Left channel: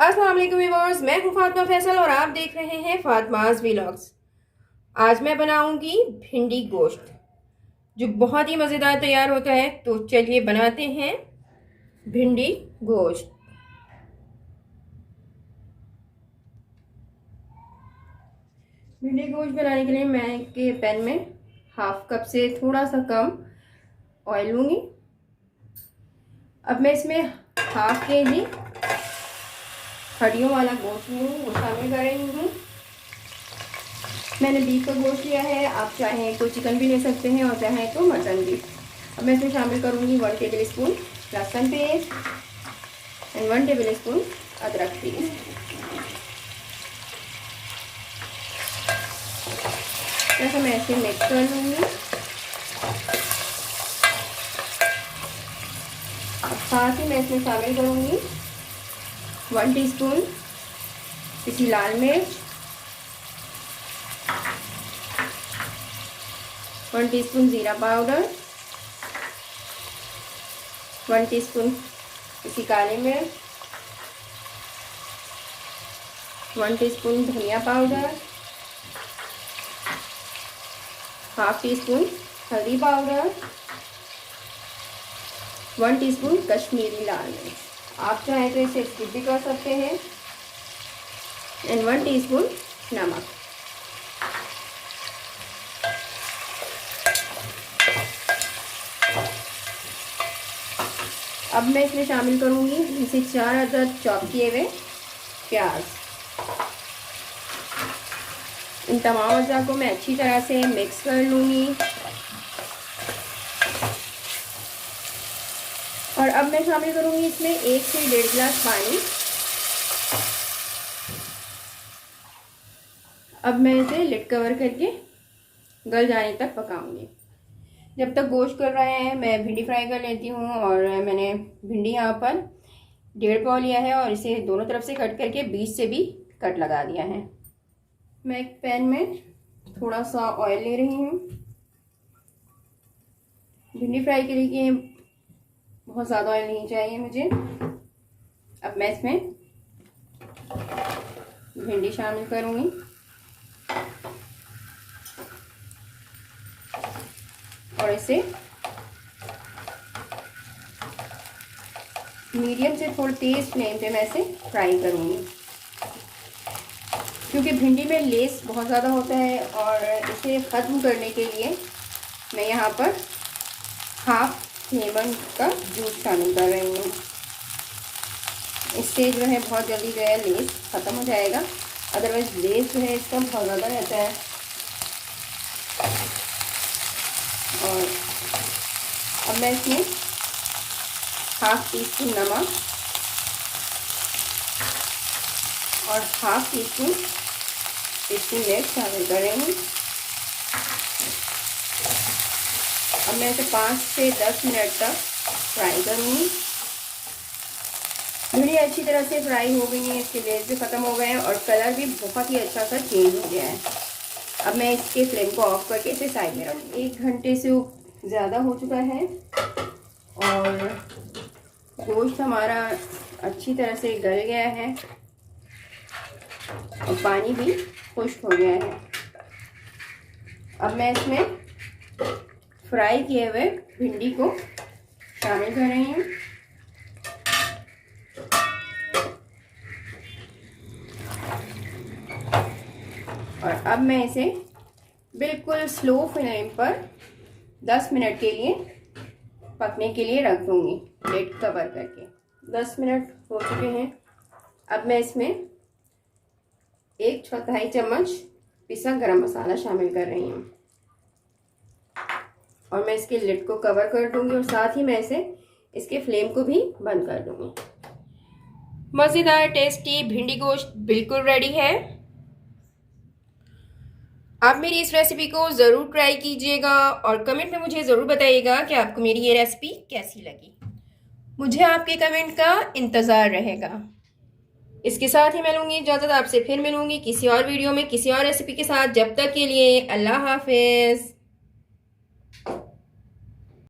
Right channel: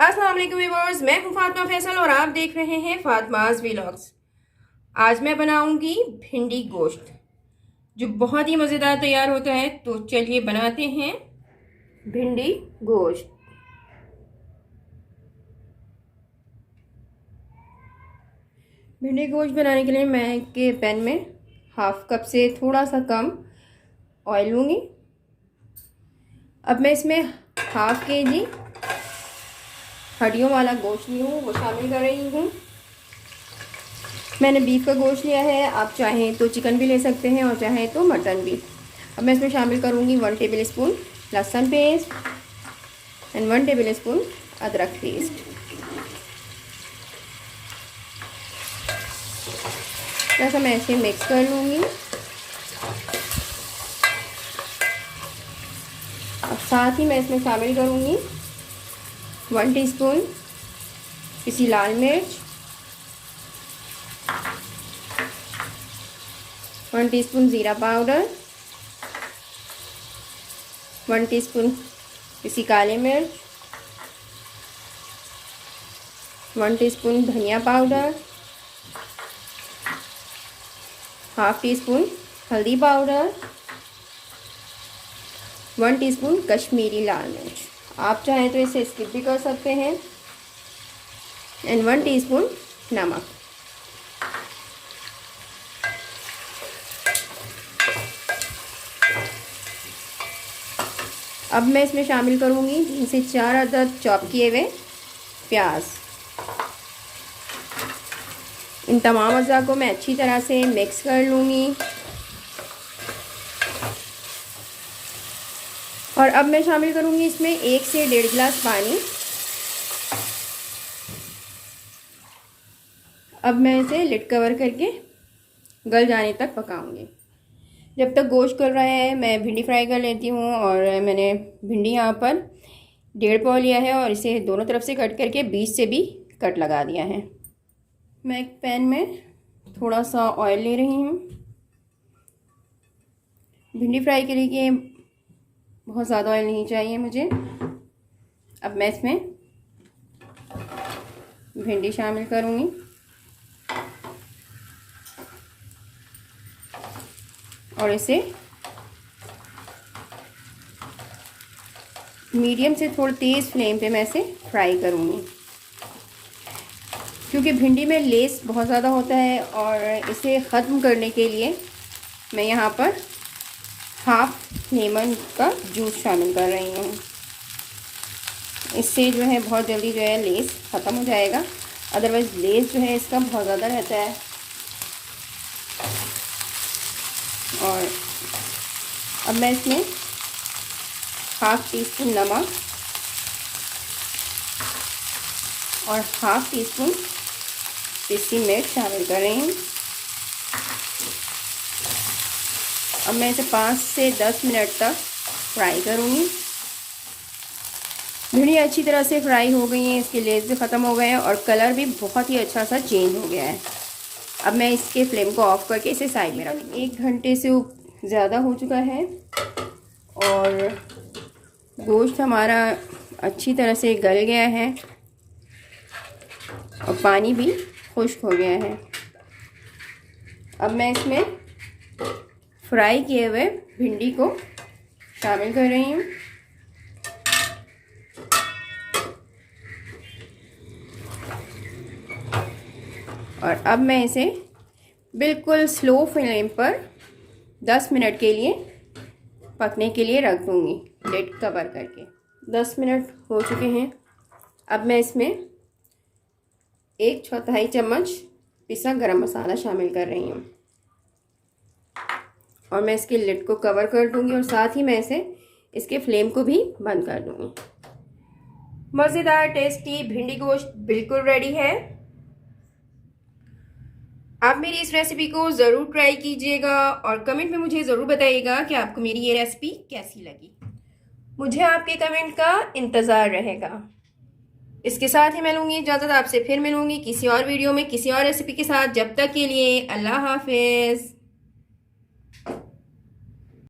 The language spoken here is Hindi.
अस्सलाम वालेकुम व्यूअर्स, मैं हूं फातिमा फैसल और आप देख रहे हैं फातिमाज व्लॉग्स। आज मैं बनाऊंगी भिंडी गोश्त जो बहुत ही मज़ेदार तैयार होता है। तो चलिए बनाते हैं भिंडी गोश्त। भिंडी गोश्त बनाने के लिए मैं के पैन में हाफ कप से थोड़ा सा कम ऑयल लूँगी। अब मैं इसमें हाफ केजी हड्डियों वाला गोश्त वो शामिल कर रही हूँ। मैंने बीफ का गोश्त लिया है, आप चाहें तो चिकन भी ले सकते हैं और चाहें तो मटन भी। अब मैं इसमें शामिल करूँगी 1 टेबल स्पून लहसुन पेस्ट एंड 1 टेबल स्पून अदरक पेस्ट। ऐसा मैं इसे मिक्स कर लूँगी। साथ ही मैं इसमें शामिल करूँगी 1 टीस्पून पिसी लाल मिर्च, 1 टीस्पून ज़ीरा पाउडर, 1 टीस्पून पिसी काली मिर्च, 1 टीस्पून धनिया पाउडर, हाफ टी स्पून हल्दी पाउडर, 1 टीस्पून कश्मीरी लाल मिर्च। आप चाहें तो इसे स्किप भी कर सकते हैं एंड 1 टीस्पून नमक। अब मैं इसमें शामिल करूंगी 3 से 4 अदद चॉप किए हुए प्याज। इन तमाम अज़ा को मैं अच्छी तरह से मिक्स कर लूँगी। और अब मैं शामिल करूँगी इसमें 1 से 1.5 गिलास पानी। अब मैं इसे लिड कवर करके गल जाने तक पकाऊंगी। जब तक गोश्त गल रहा है मैं भिंडी फ्राई कर लेती हूँ। और मैंने भिंडी यहाँ पर 1.5 पाव लिया है और इसे दोनों तरफ से कट करके बीच से भी कट लगा दिया है। मैं एक पैन में थोड़ा सा ऑयल ले रही हूँ। भिंडी फ्राई के लिए बहुत ज़्यादा ऑयल नहीं चाहिए मुझे। अब मैं इसमें भिंडी शामिल करूँगी और इसे मीडियम से थोड़ा तेज़ फ्लेम पे मैं इसे फ्राई करूँगी, क्योंकि भिंडी में लेस बहुत ज़्यादा होता है। और इसे ख़त्म करने के लिए मैं यहाँ पर हाफ लेमन का जूस शामिल कर रही हूँ। इससे जो है बहुत जल्दी जो है लेस ख़त्म हो जाएगा। अदरवाइज़ लेस जो है इसका बहुत ज़्यादा रहता है। और अब मैं इसमें हाफ टी स्पून नमक और हाफ टी स्पून पिसी मिर्च शामिल कर रही हूँ। अब मैं इसे 5 से 10 मिनट तक फ्राई करूँगी। भिंडी अच्छी तरह से फ्राई हो गई है, इसके लेस भी ख़त्म हो गए हैं और कलर भी बहुत ही अच्छा सा चेंज हो गया है। अब मैं इसके फ्लेम को ऑफ करके इसे साइड में रखूँगी। 1 घंटे से ज़्यादा हो चुका है और गोश्त हमारा अच्छी तरह से गल गया है और पानी भी खुश्क हो गया है। अब मैं इसमें फ्राई किए हुए भिंडी को शामिल कर रही हूँ। और अब मैं इसे बिल्कुल स्लो फ्लेम पर 10 मिनट के लिए पकने के लिए रख दूँगी, लिड कवर करके। 10 मिनट हो चुके हैं। अब मैं इसमें 1/4 चम्मच पिसा गरम मसाला शामिल कर रही हूँ और मैं इसके लिड को कवर कर दूँगी और साथ ही मैं इसके फ्लेम को भी बंद कर दूँगी। मज़ेदार टेस्टी भिंडी गोश्त बिल्कुल रेडी है। आप मेरी इस रेसिपी को ज़रूर ट्राई कीजिएगा और कमेंट में मुझे ज़रूर बताइएगा कि आपको मेरी ये रेसिपी कैसी लगी। मुझे आपके कमेंट का इंतज़ार रहेगा। इसके साथ ही मैं लूँगी इजाज़त, आपसे फिर मिलूँगी किसी और वीडियो में किसी और रेसिपी के साथ। जब तक के लिए अल्लाह हाफिज़।